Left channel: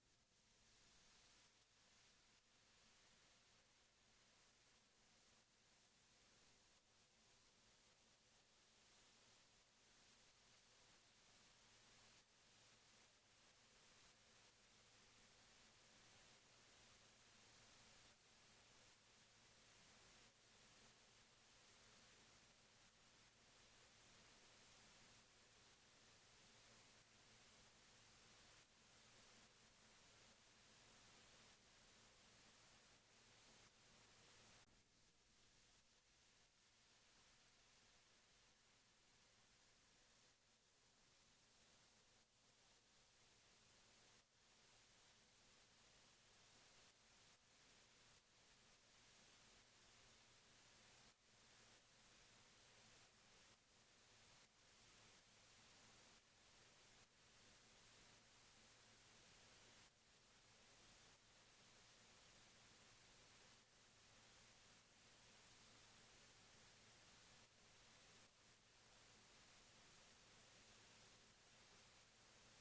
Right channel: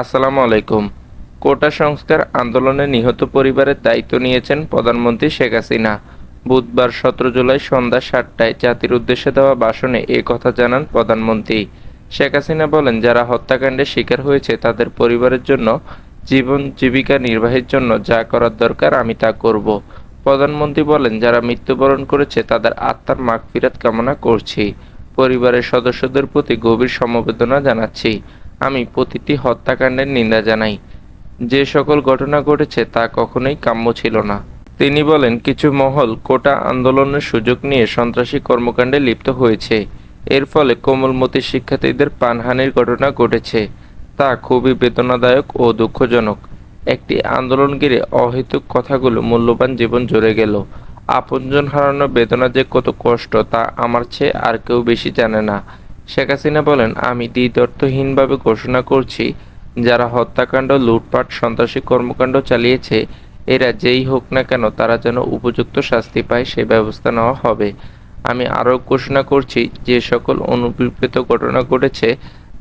আসসালামু আলাইকুম। কোটা সংস্কার আন্দোলনে নিহত পরিবারের দায়িত্ব নিয়েছেন প্রধানমন্ত্রী শেখ হাসিনা। বুধবার 17 জুলাই সন্ধ্যা 7টায় জাতির উদ্দেশ্যে দেওয়া ভাষণে এ কথা জানান প্রধানমন্ত্রী। শেখ হাসিনা বলেন, যারা হত্যাকাণ্ডের শিকার হয়েছে তাদের পরিবারের জন্য জীবন জীবিকা নির্বাহের জন্য যা করার দরকার আমি তা করব। প্রধানমন্ত্রী বলেন, যারা মৃত্যুবরণ করেছে তাদের আত্মার মাগফিরাত কামনা করছি। পরিবারের সদস্যদের প্রতি গভীর সমবেদনা জানাচ্ছি। আমি প্রতিটি হত্যাকাণ্ডের নিন্দা জানাই। যে সকল ঘটনা ঘটেছে তা কখনোই কাম্য ছিল না। তিনি বলেন, কিছু মহল কোটা আন্দোলনের সুযোগ নিয়ে সন্ত্রাসী কর্মকাণ্ডে লিপ্ত হয়েছে। এর ফলে কোমলমতি শিক্ষার্থীদের প্রাণহানির ঘটনা ঘটেছে। তা খুবই বেদনাদায়ক ও দুঃখজনক। একটি আন্দোলন ঘিরে অহেতুক কথাগুলো মূল্যবান জীবন ঝরে গেল। আপনজন হারানোর বেদনা যে কত কষ্ট তা আমার চেয়ে আর কেউ বেশি জানে না। শেখ হাসিনা বলেন, আমি দ্বিধর্তহীনভাবে ঘোষণা করছি, যারা হত্যাকাণ্ড, লুটপাট, সন্ত্রাসী কর্মকাণ্ড চালিয়েছে এরা যেই হোক না কেন তারা যেন উপযুক্ত শাস্তি পায় সে ব্যবস্থা নেওয়া হবে। আমি আরও ঘোষণা করছি, যে সকল অনুপ্রীত ঘটনা ঘটেছে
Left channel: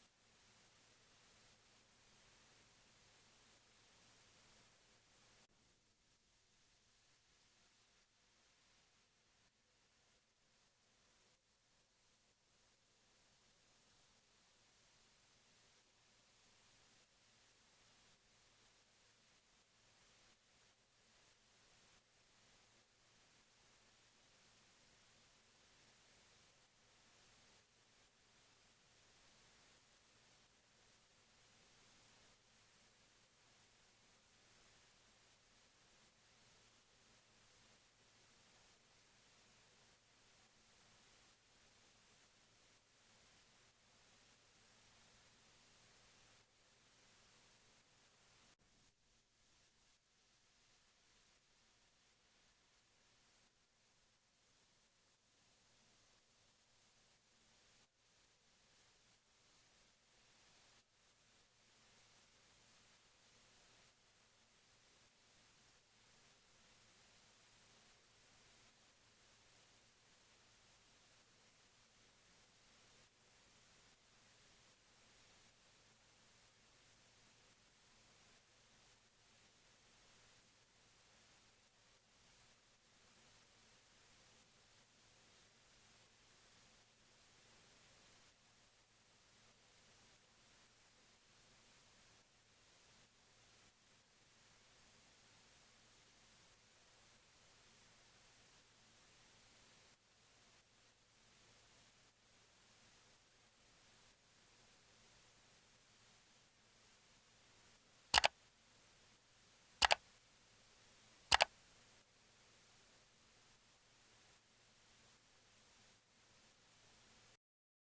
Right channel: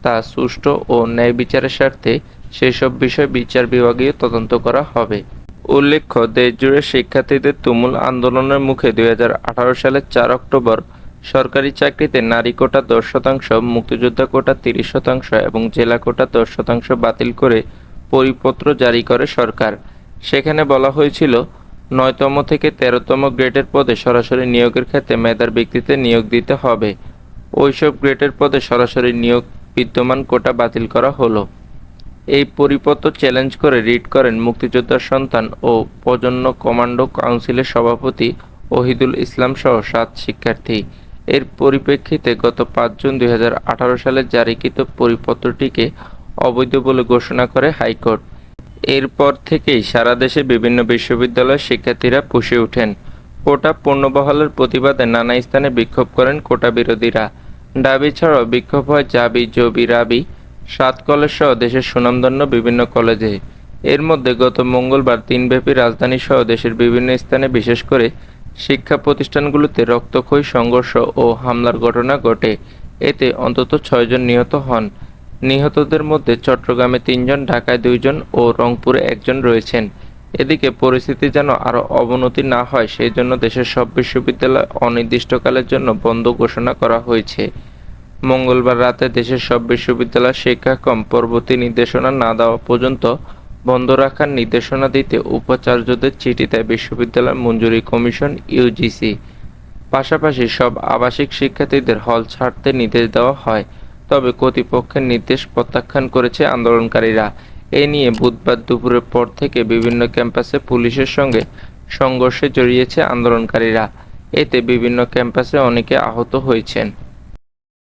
তা সুষ্ঠু ও ন্যায় বিচারের স্বার্থে সেসব বিষয় বিচার বিভাগীয় তদন্ত করা হবে। উল্লেখ্য, দেশজুড়ে শিক্ষার্থীদের তুমুল আন্দোলনের মুখে 2018 সালের 4 অক্টোবর সরকারি চাকরিতে নারী কোটা 10%, মুক্তিযোদ্ধা কোটা 30% এবং জেলা কোটা 10% বাতিল করে পরিপত্র জারি করে সরকার। সেখানে বলা হয়েছিল, 9তম থেকে 13তম গ্রেডের পদে সরাসরি নিয়োগের ক্ষেত্রে মেধার ভিত্তিতে নিয়োগ দিতে হবে। ওইসব গ্রেডের পদে সরাসরি নিয়োগ বিদ্যমান কোটা বাতিল করা হলো। এই পরিপত্র চ্যালেঞ্জ করে রিট করেন মুক্তিযোদ্ধার সন্তান ও প্রজন্ম কমান্ডো কাউন্সিলের সভাপতি ওহিদুল ইসলাম সহ 7 শিক্ষার্থী। এর পরিপ্রেক্ষিতে গত 5 জুন 2018 সালে জারিকৃত পরিপত্রটিকে অবৈধ বলে ঘোষণা করে হাইকোর্ট। এরপর থেকেই সারা দেশে বিভিন্ন বিশ্ববিদ্যালয়ের শিক্ষার্থীরা ফুঁসে ওঠেন। কোটা পুনর্বহালের প্রতিবাদে নানা স্থানে বিক্ষোভ করেন কোটা বিরোধীরা। দাবি ছাড়াও বিক্ষোভ হয় জাবি, জবি, রাবি, 7 কলেজ সহ দেশের সুনামধন্য বিভিন্ন কলেজে। এর মধ্যে গত মঙ্গলবার দিনব্যাপী রাজধানীসহ দেশের বিভিন্ন স্থানে, বিশেষ করে শিক্ষা প্রতিষ্ঠানগুলোতে রক্তক্ষয়ী সংঘর্ষ ও হামলার ঘটনা ঘটে। এতে অন্তত 6 জন নিহত হন। নিহতদের মধ্যে চট্টগ্রামে 3 জন, ঢাকায় 2 জন ও রংপুরে 1 জন রয়েছেন। এদিকে পরিস্থিতি যেন আরও অবনতি না হয় সেই জন্য দেশের সব বিশ্ববিদ্যালয় অনির্দিষ্টকালের জন্য বন্ধ ঘোষণা করা হয়েছে। মঙ্গলবার রাতে দেশের সব বিশ্ববিদ্যালয় শিক্ষাক্রম পরবর্তী নির্দেশনা না দেওয়া পর্যন্ত বন্ধ রাখার নির্দেশনা দিতে উপাচার্যদের চিঠি দেয় বিশ্ববিদ্যালয় মঞ্জুরি কমিশন ইউজিসি। পাশাপাশি সব আবাসিক শিক্ষার্থীদের হল ছাড়তে নির্দেশ দেওয়া হয়। তবে কর্তৃপক্ষের নির্দেশ প্রত্যাখ্যান করেছে আন্দোলনকারীরা। এ নিয়ে বুধবার দুপুরের পর থেকে বিভিন্ন ক্যাম্পাসে পুলিশের সঙ্গে সংঘর্ষে জড়িয়েছে আন্দোলনকারীরা। এতে বিভিন্ন ক্যাম্পাসে অনেকে আহত হয়েছেন।